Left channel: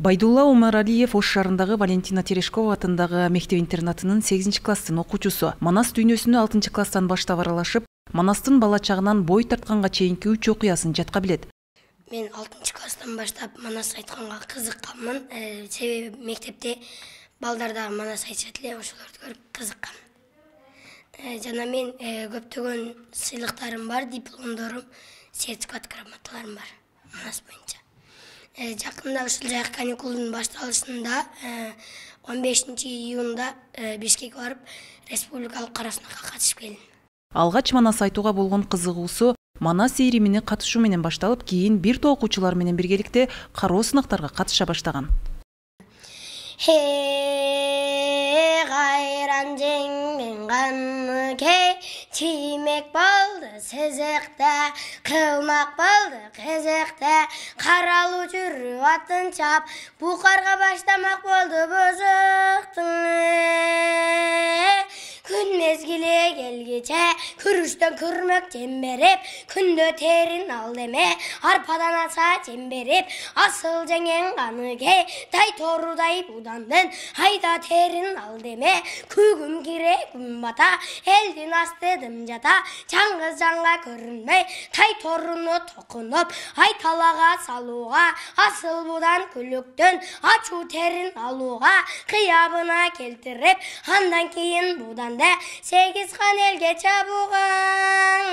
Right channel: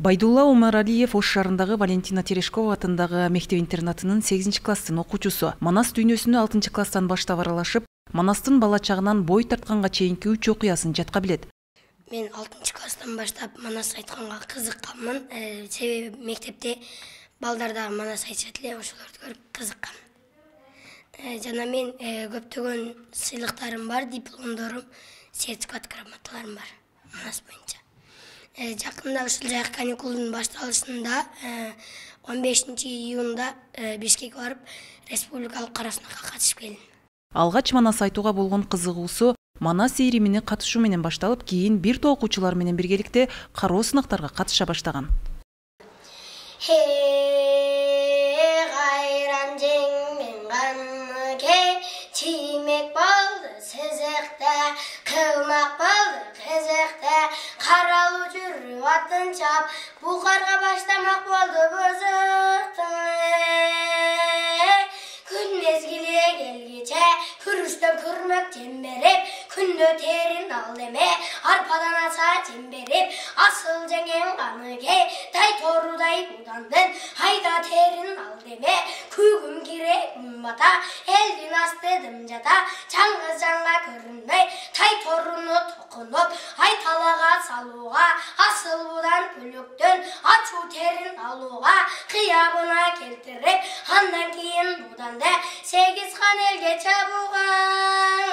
Байдулла Омаралиев Ош шаарындагы Валентина Терешкова атындагы мектеп-интернатынын 8-класстын окуучусу. Манас дүйнөсүнө 6-класстан баштап аралашып, Манастын бала чагынан бой тартканга чейинки 3 окуясын жатка билет. Мен 6-класстан баштап Манас айтканга кызыкканмын. Себеби мектепте балдарда Манас айтышат эле, ошолорду көрүп кызыккам. Жана мен көптөгөн сыйлыктарым бар, дипломдорум, сертификат грамоталарым бар Манас боюнча. Жакында ушул жайкы каникулдун башталышында 15 июнда Бишкекке барып, республикалык кара сынакка катышып келдим. Алгач Манас айтууга болгон кызыгуусу Манас ийримине катышуу менен башталып, кийин бир топ окуучулар менен биргеликте кароо сынактарга катыша баштаган. Гайран жеңмен ганы кей, тимек болду сезекте, кылмак болду кезекте, каралуу жүрүп атын чап, букарга баштамак болду бузуктун. Күн мезгили келгиче, күрүштөн күрмөк жем берип, күндө терин ал эме, арпадан аса жем берип, асыл жеңен ганы кей, тай торудай будандын, айда терин ал деме, күгүм кире күн бата, элдин астыдым жата, чаңгыз жаңга көрүнбөй, тай торуну токунуп, ай талага салууга, асыл будан күлүктөн, ачуу терин алууга, кыябына келтирип, андан кийин будан 8 хан элге чабууган.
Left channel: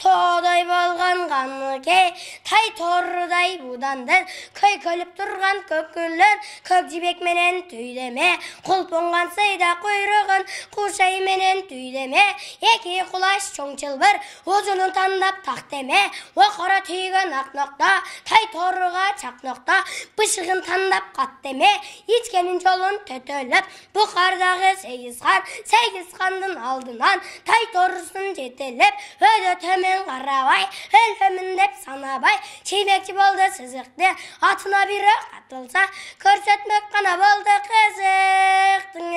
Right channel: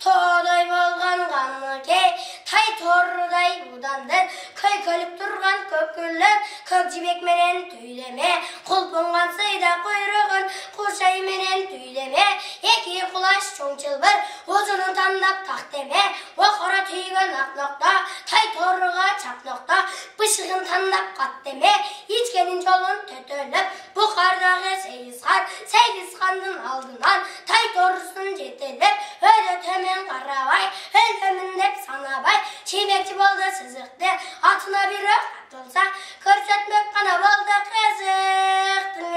Тоодой болгон ганы кей, тай торудай будандын, көйкөлүп турган көкүлөр, көк жибек менен түйдеме, кулпонган сыйда куйругун, кушай менен түйдеме, эки кулаш чоң чылбыр, узунун тандап тактеме, окора түйгөн ак нокта, тай торуга чак нокта, бышыгын тандап каттеме, ичкенин жолун төтөлөп, букардагы 8 хандын алдынан, тай торусун жетелеп, өйдө төмен карабай, өлөмүн деп санабай, чебекчи болду сызыкты, атына бир атылса, көрсөтмөк гана болду кызыктың.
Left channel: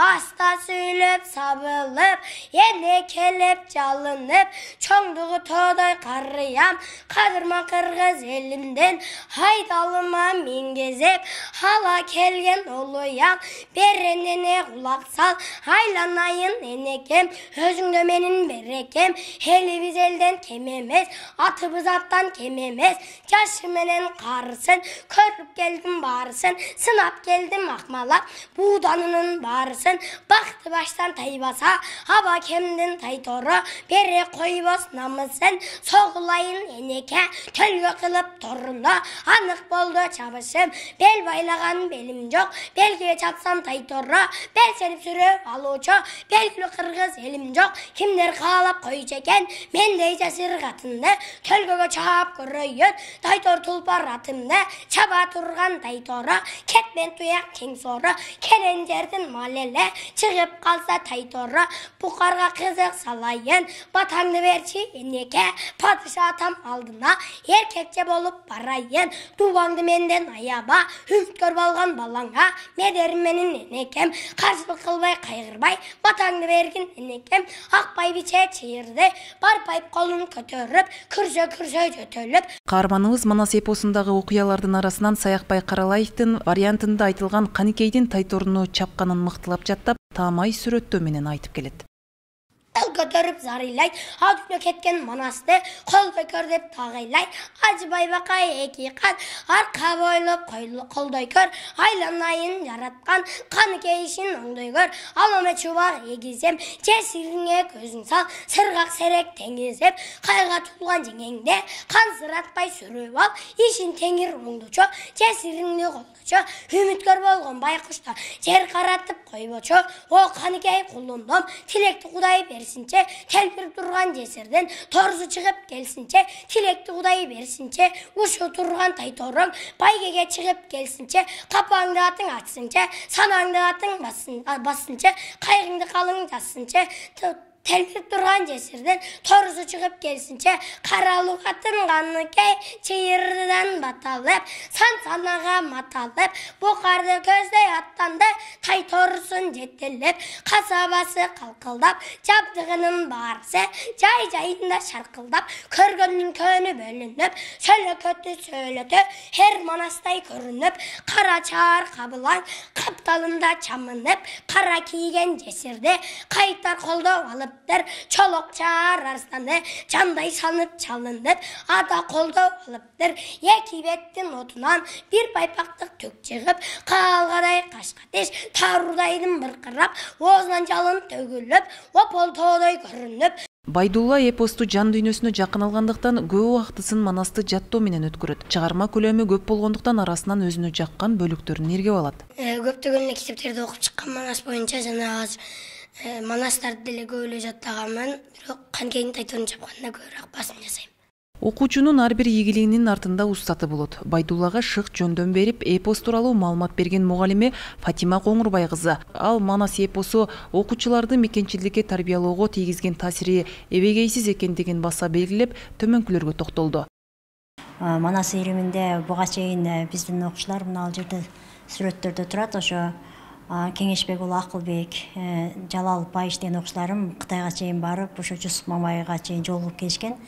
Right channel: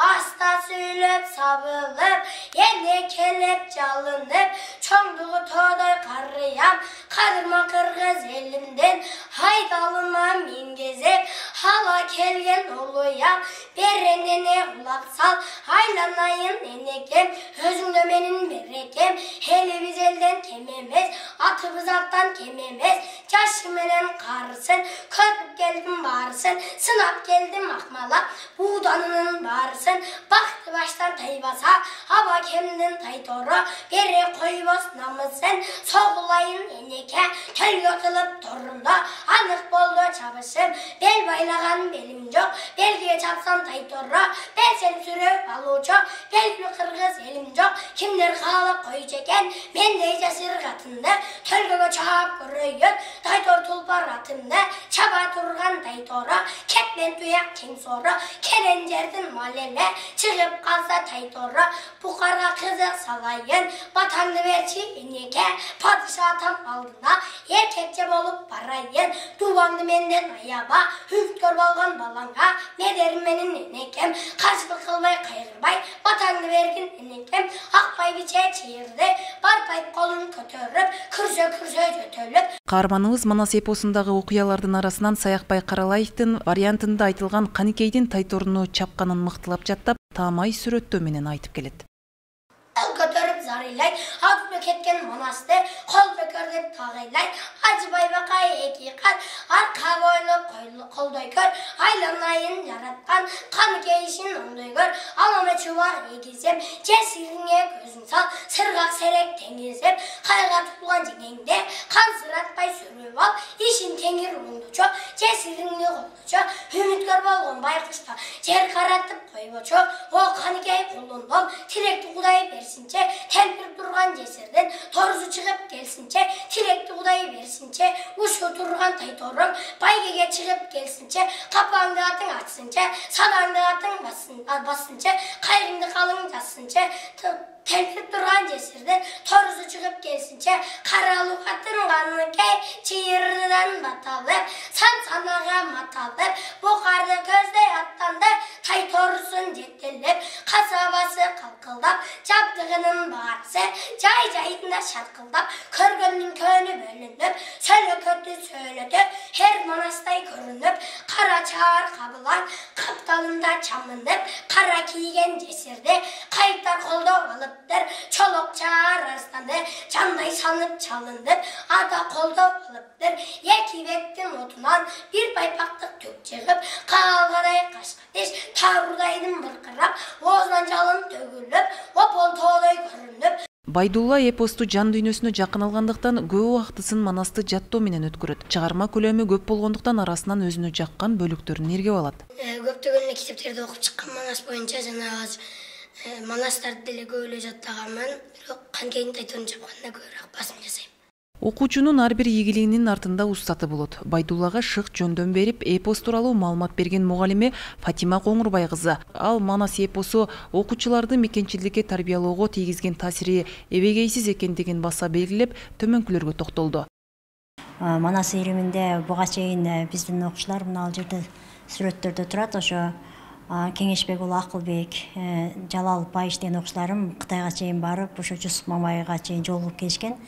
Аста сүйлөп сабылып, эне келеп жалынып, чоңдугу тоодой карыям, кадырма кыргыз элимден, айдалыма мингезеп, ала келген улуям, беренене кулак сал, айланайын энекем, өзүңдө менин берекем, элибиз элден кем эмес, атыбыз аттан кем эмес, жашы менен карысын, көрүп келдим баарысын, сынап келдим акмалап, бууданынын баарысын, бакты баштан тайбаса, аба кемдин тайтору, бере койбос намысын, согулайын энеке, төлгө кылып торунда, анык болду чабышым, бел байлаган белим жок, белге чапсам тайтору, бел серип сүрөп алуучу, белгилүү кыргыз элим жок, кимдер каалап койчу экен, мендей жасыр катынды, төлгөгө чаап көрөйүн, тайтор тулпар атымды, чаба турган тайтору, кетмен туяк тең сору, керен жердин малеле, чыгып калса тайтору, букарга кызык салайын, батаңды берчи энеке, падыша атам алдына, эркекче болуп барайын, дубаңды менден аяба, үмүткөр болгон балаңга, медерим менин энекем, каршылык кылбай кайгырбай, батаңды бергин энекем, акбай биче чыйырды, барпайып колун көтөрүп, күрсө жөтөлүп. Каарманыбыз Манас эпосундагы окуялардын арасынан Саякбай Каралаевдин вариантында айтылган Каникейдин тайторуну чапканын мыктылап жаттап, таамай сүрөттөө менен айтып келет. Көтөрүп зарыйлай, атып кеткен Манасты, кол көкөр деп тагыйлай, ажыбай бакай эки кат, арка бойлу колдой көр, айланайын жараткан, Каныкей ишин оңдой көр, алама чубар эгизем, жесириңе көзүң сал, сыргак серек теңизеп, кайга тулган жеңеңде, кансыратпай сүрүп ал, ишин теңир оңдочу, жесириңни колдочу, үмүткөр болгон байкушта, жер каратып койбочу, о Каныкей кулундум, тилекти Кудай берсинче, телпирип турган жесирден торусу чыгып келсинче, тилекти Кудай берсинче, ушу турган тайторуң байгеге чыгып келсинче, капаңды атың ачсынче, санаңды атың бассынче, кайрыңды калың жазсынче, телпирип турган жесирден торусу чыгып келсинче, каралуу катын ганы кей, чыйырдан баталып, санага маталып, букарды көздөй аттанды, тай торусун жетелеп, касабасы калкылдап, жабды ыргынын баарысы жай-жайында шалкылдап, көргөндүн көнү бөлүнүп, сөйлөкөтү сөйлөтүп, her manasтай көрүнүп, кара чаар кабылан, капталында чамынып, кара кийген жесирди кайтар колдоп алыптыр, чолок чаар арстаны жандай санып чалынып, ада колдоп алыптыр, эки беттин отунан бир байпактык түк чыгып, калгадай кашкатиш, тарудайдын быркырап, оозунан жалын төгүлүп, опол тоодой көрүнүп. Байдулла эпосту жан дүйнөсүнө жакын алгандыктан көп убактысын манасты жаттоо менен өткөрөт. Чыгарма көлөмү көп болгондуктан арасынан өзүнө жаккан бөлүктөрүн эргеп алат. Көптөгөн китептерди окуп чыккан манас боюнча жанагы манастарды деле көп эле жаттаганмын, бирок канкенин айтуун жапканда көбүрөөк басым жасайм. Окуучунун ар бир ийгилигинин артында устаты болот. Байдуллага шык жөндөм берип, эпос тууралуу маалымат берген мугалиме Фатима Коңурбай кызы. Ал манас эпосу окуучуларды мекенчиликке тарбиялоого тийгизген таасири эбегейсиз экендигин баса белгилеп, төмөнкүлөргө токтолду. Манас ириминде буга чейин биздин окуучулар мына ал жерде сүрөттөрдө турат. Ошо Кеңешбек уулу Акылбек, Жалал Байыш деген окуучуларым Кытайга чейин барып, ошо Жусуп Мамайга чейин жолугуп келишкен.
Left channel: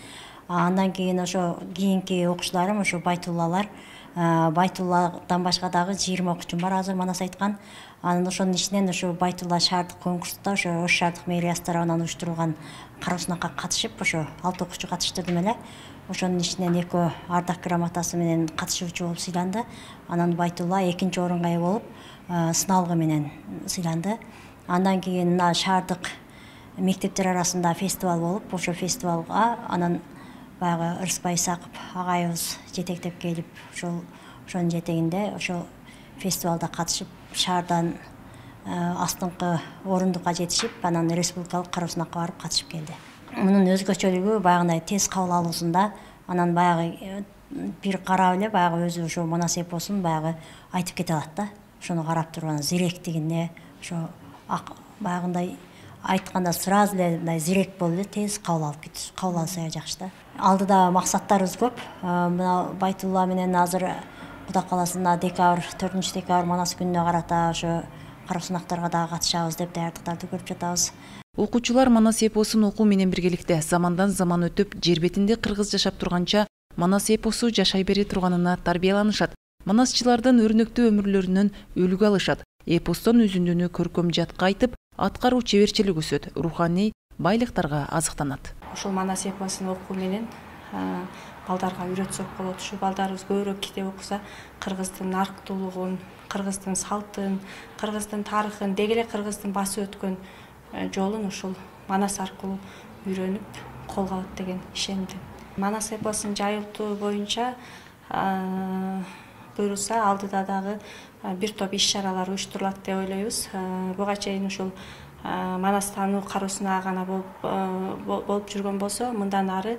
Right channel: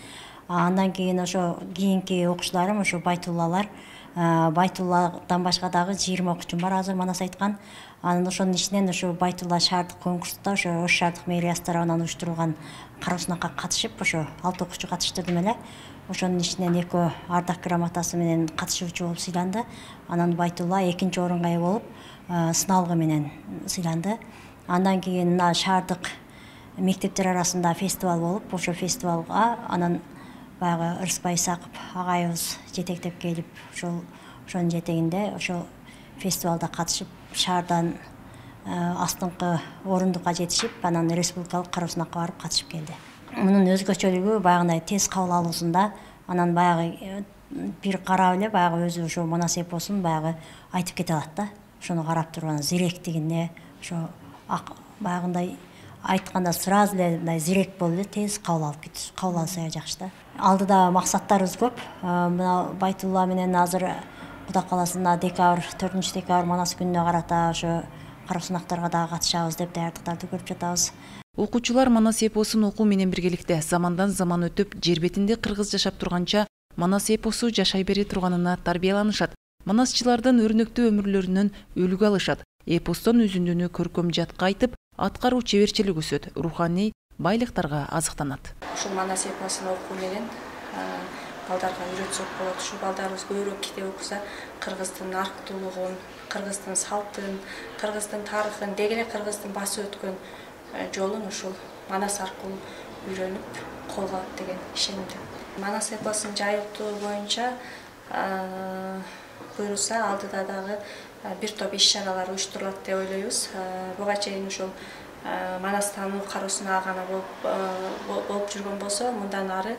Андан кийин ошо кийинки окуучуларым ошо Байтуллалар. Байтулладан башка дагы 20 окуучум бар азыр манас айткан. Анан ошонун ичинен ошо Байтулла шаардык конкурсунда ошо Ош шаардык мэриясы тарабынан уюштурулган кароо сынакка катышып, ошо 6 окуучу катыштырдым эле. Ошонун ичинен 2 ардак грамотасы менен катышуучу болуп сыйланды. Анан Байтулла 2-нчи орунга ээ болуп, сыналгы менен сыйланды. Андан кийин мына шаардык мектептер арасында фестиваль болуп, ошо фестивалга анан баягы Ырысбай Исаков агайыбыз жетектеп келип, ошонун жетегинде ошо фестивалда катышып, шаардан астыңкы орундукка жетишип, анан республикалык кароо сынакка барып катышып келди. Мунун өзгөчөлүгү баягындай тез кабыл алуусунда, анан баягы бир карап эле баягы өзү ошо манас эпосун баягы айтып кете алат да. Ошону карап туруп анан зиректигине, ошо баягындай айтканда сразу эле мындай зирек болуп эле тез кабыл алса жакшы да. Алдыда максаттарыбыз көп. Мына Байтулла менен азыр Кудай кааласа 4 декабрь манас күнүнө карата ошо кароо сынактарга дагы катышабыз деп даярдыктарды көрүп жатабыз. Окуучулар манас эпосун окуу менен биргеликте замандан заман өтүп, жер бетинде кыргыз жашап турганча манас эпосу жашай бере турганына тарбияланышат. Манасчылардын өрнөктүү өмүрлөрүнөн үлгү алышат. Эпостон үзүндүнү көркөм жатка айтып, аткаруу чеберчилик өсөт, руханий байлыктарга азыктанат. Ушул манас эпосун окуу менен балдарга үйрөтсөк болот. Ушу балдарыбыз көбүрөөк китеп окуса, кыргыздын арктуулугун, кыргыздын салтын, кыргыздын тарыхын, деги эле кыргыздын басып өткөн жолун ушул манас аркылуу үйрөнүп колго алат деген ишендим. Манас эпосун жайылтуу боюнча буюрса алдыда дагы бир топ иш-чаралар уюштурулат деп ойлойбуз. Буга чейин ушул манас таануу кароосуна гана болуп жүргөн болсо, мындан ары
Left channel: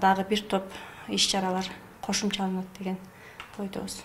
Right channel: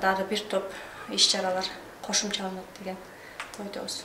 дагы бир топ иш-чаралар кошумчаланат деген ойдобуз.